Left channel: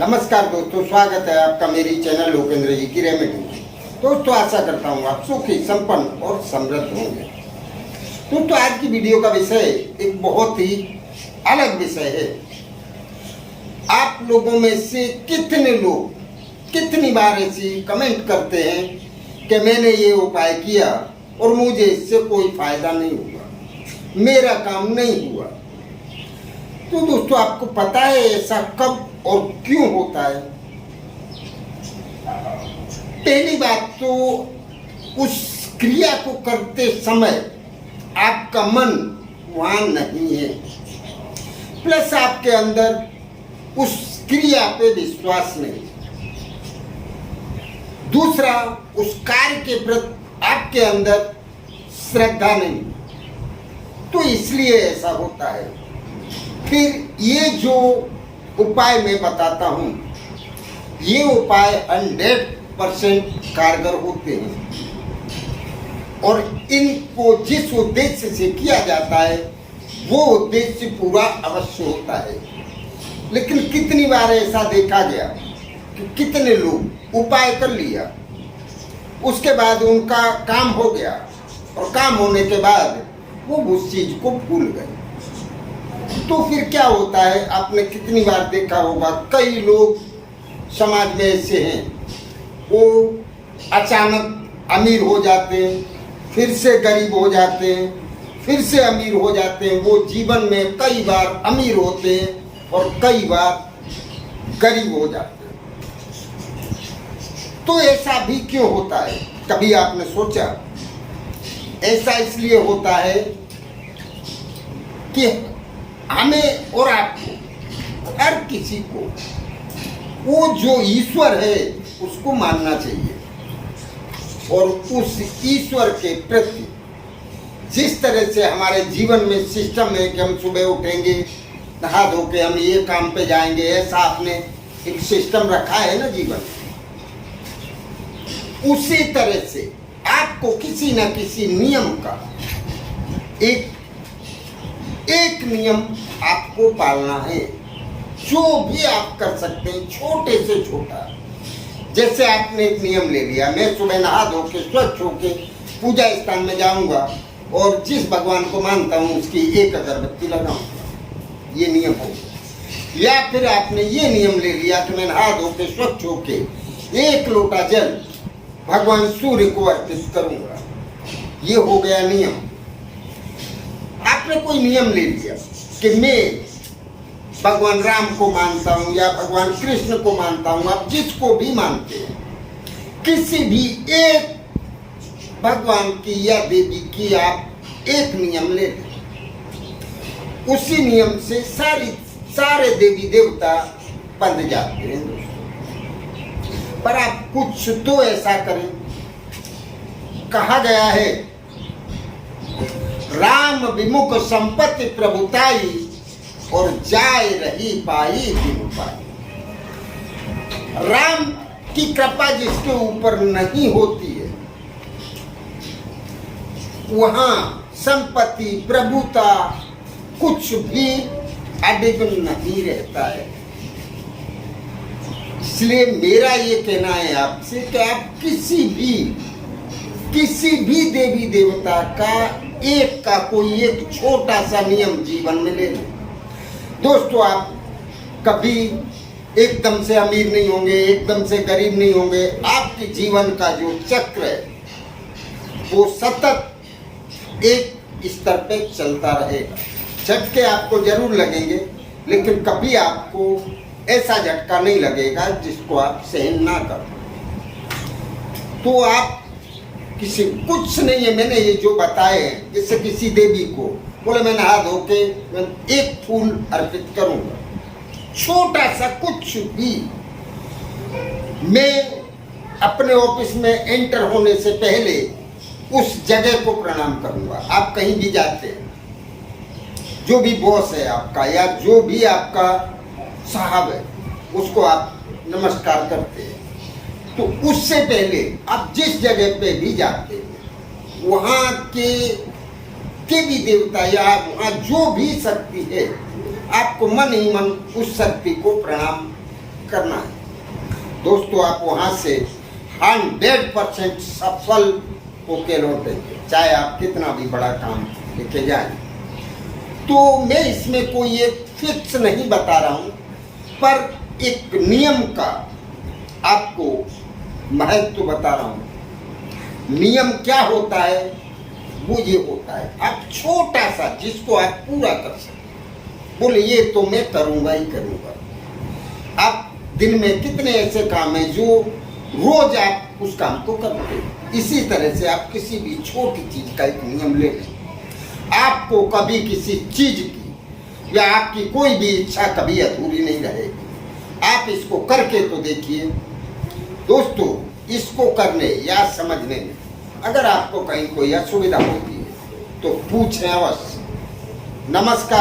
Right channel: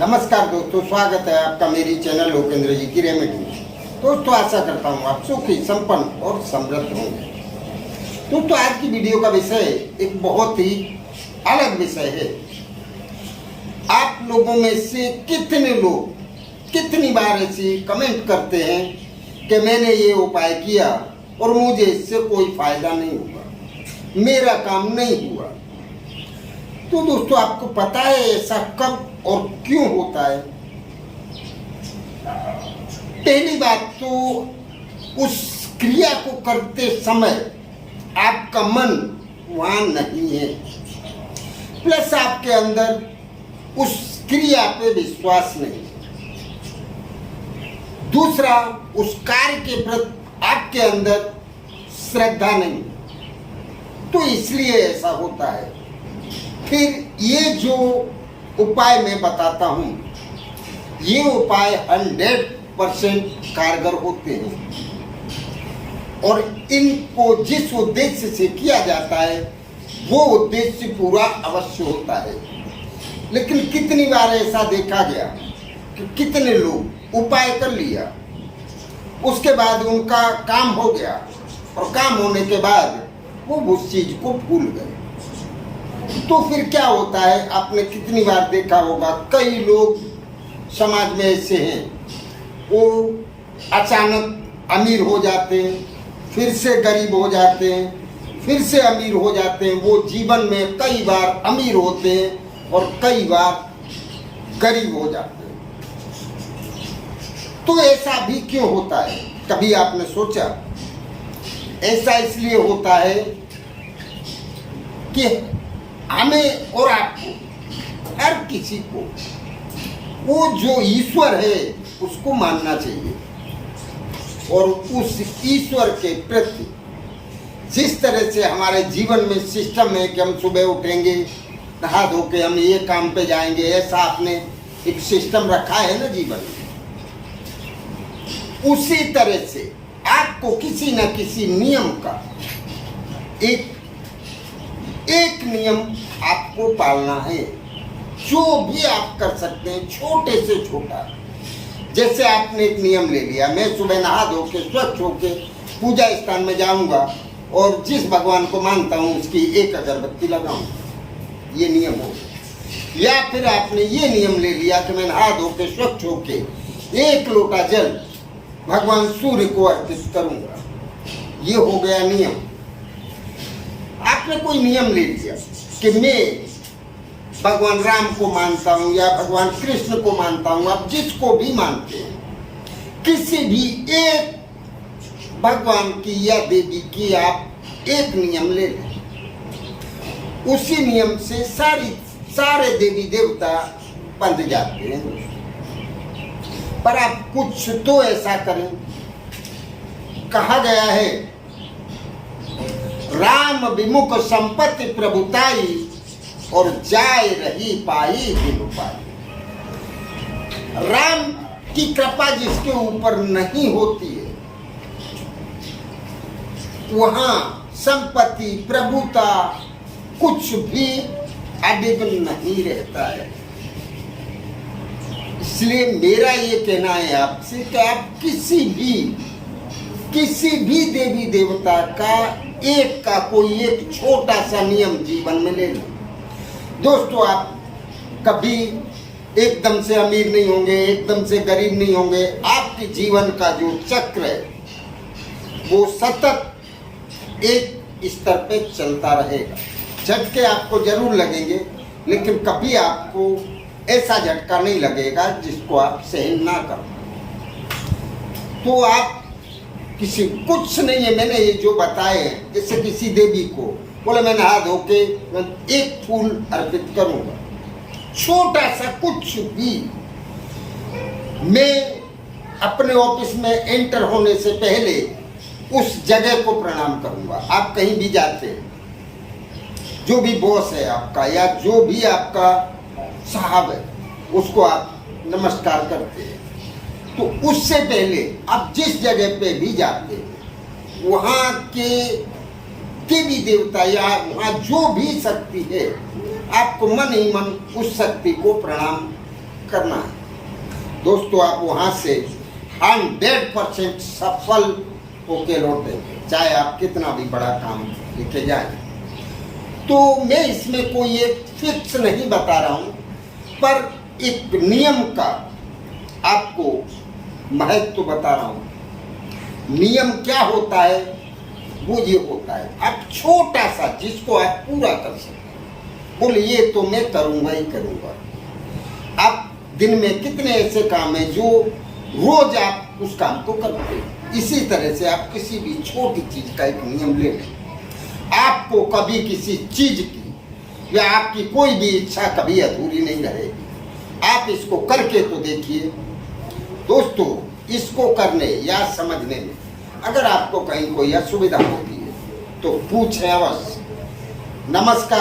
नमस्कार दोस्तों, स्वागत है आपका मेरी चैनल लोकेंद्र जी की रेमेडी में। दोस्तों, आशा करता हूँ आप सुखी, संपन्न और समृद्ध होंगे। दोस्तों, आज की वीडियो का विषय एक बहुत ही अलग विषय है। आप लोगों में से कितने लोग कितनी बार ऐसी कमेंट करते हैं कि मैंने ये उपाय किया और मुझे इससे कोई फायदा नहीं हुआ, मेरा काम नहीं हुआ। तो दोस्तों, आपको पता है ऐसा कब और क्यों होता है? पहली बात तो उस क्रिया को करते समय आपका मन वहां नहीं है, प्लस आपके अंदर उस क्रिया पे विश्वास नहीं। दूसरा, उस कार्य के प्रति आपके अंदर श्रद्धा नहीं, तो इसलिए ऐसा होता है। फिर ये जो उपाय मैं बताता हूँ, ये उपाय 100% कारगर होते हैं और इनको जिस उद्देश्य से किया जाता है वो उद्देश्य पूरा अवश्य होता है। लेकिन कितनी बार ऐसा देखा गया कि कितने लोग उपाय कर लिया, उसके बाद उनका काम हो गया और काम होने के बाद वो उस चीज को भूल गए। तो फिर क्या होता है, आपने कितनी बार देखा होगा, कई लोग समाज में ऐसे हैं, वो अचानक अमीर हो जाते हैं, फिर से गरीब हो जाते हैं, फिर से अमीर हो जाते हैं। वो जीवन में कई बार अमीर होते हैं और कई बार गरीब हो जाते हैं। तो ऐसा भी क्यों होता है, कभी आपने सोचा? ऐसा इसलिए होता है कि हमें और आपको, हर किसी को, वो जो ईश्वर है उसको मानना चाहिए और उस ईश्वर के प्रति जिस तरह से हमारे जीवन में सिस्टम है कि हम सुबह उठेंगे, नहा धो के हम ये काम पे जाएंगे, ऐसा आपने एक सिस्टम रखा है ना जीवन में, उसी तरह से आपको किसी न किसी नियम का एक नियम आपको पालना है। जो भी आप कर सकते हैं, छोटे से छोटा। जैसे आपने एक नियम ले लिया, मैं सुबह नहा धो के स्वच्छ होके पूजा स्थान में जाऊंगा और जिस भगवान को मानता हूं उसकी एक अगरबत्ती लगाऊंगा, ये नियम हो गया। या फिर आपने ये नियम ले लिया कि मैं नहा धो के स्वच्छ होके एक लोटा जल भगवान सूर्य को अर्पित करूंगा, ये हो गया नियम। आपने कोई नियम ले लिया कि मैं भगवान राम को मानता हूं या भगवान कृष्ण को मानता हूं, आप जिसको भी मानते हैं, किसी भी एक भगवान की या देवी की आप एक नियम ले लें। उसी नियम से सारे देवी देवता बंध जाते हैं दोस्तों। पर आप कुछ तो ऐसा करें। कहा गया है, राम विमुख संपत्ति प्रभुताई और जाय रही पाई बिनु पाई। राम की कृपा जिसके ऊपर नहीं होती है, वहां संपत्ति, प्रभुता, कुछ भी अडिग नहीं रहता है। इसलिए मेरा ये कहना है आपसे कि आप किसी भी देवी देवता का कोई एक छोटा सा नियम जीवन में ले लो। दोस्तों, आप कभी एकदम से अमीर नहीं होंगे, एकदम से गरीब नहीं होंगे। आपके जीवन का जो चक्र है वो सतत एक स्तर पे चलता रहेगा। झटके आपको जरूर लगेंगे, लेकिन कभी आपको ऐसा झटका नहीं लगेगा जिसको आप सहन ना कर पाए। तो आप किसी कुछ नहीं है, मैंने ये जो बताए हैं, जैसे किसी देवी को बोले मैं नहा धो के एक फूल अर्पित करूंगा, छोटा सा कुछ भी। मैं अपने ऑफिस में एंटर होने से पहले उस जगह को प्रणाम करूंगा। आप कहीं भी जाते हैं, जो भी बॉस है आपका या जो भी आपका साहब है, उसको आप नमस्कार करते हैं। तो उससे पहले आप जिस जगह पे भी जाते हैं, वहाँ के देवी देवता या वहाँ जो भी शक्ति है, आपको मन ही मन उस शक्ति को प्रणाम करना है। दोस्तों, आप वहां से 100% सफल होके लौटेंगे, चाहे आप कितना भी बड़ा काम लेके जाएं। तो मैं इसमें कोई एक फिक्स नहीं बता रहा हूं, पर एक नियम का आपको महत्व बता रहा हूं। नियम क्या होता है? वो ये होता है, आप छोटा सा जिसको आप पूरा कर सकें, बोले ये तो मैं करूंगा ही करूंगा। आप दिन में कितने ऐसे काम हैं जो रोज आप उस काम को करते हैं। इसी तरह से आप किसी भी छोटी चीज का एक नियम ले लें। आपको कभी किसी चीज की या आपकी कोई भी इच्छा कभी अधूरी नहीं रहेगी। आप इसको करके तो देखिए। दोस्तों, इसको करने या समझने में अगर आपको कहीं कोई असुविधा होती है तो पूछें अवश्य। नमस्कार।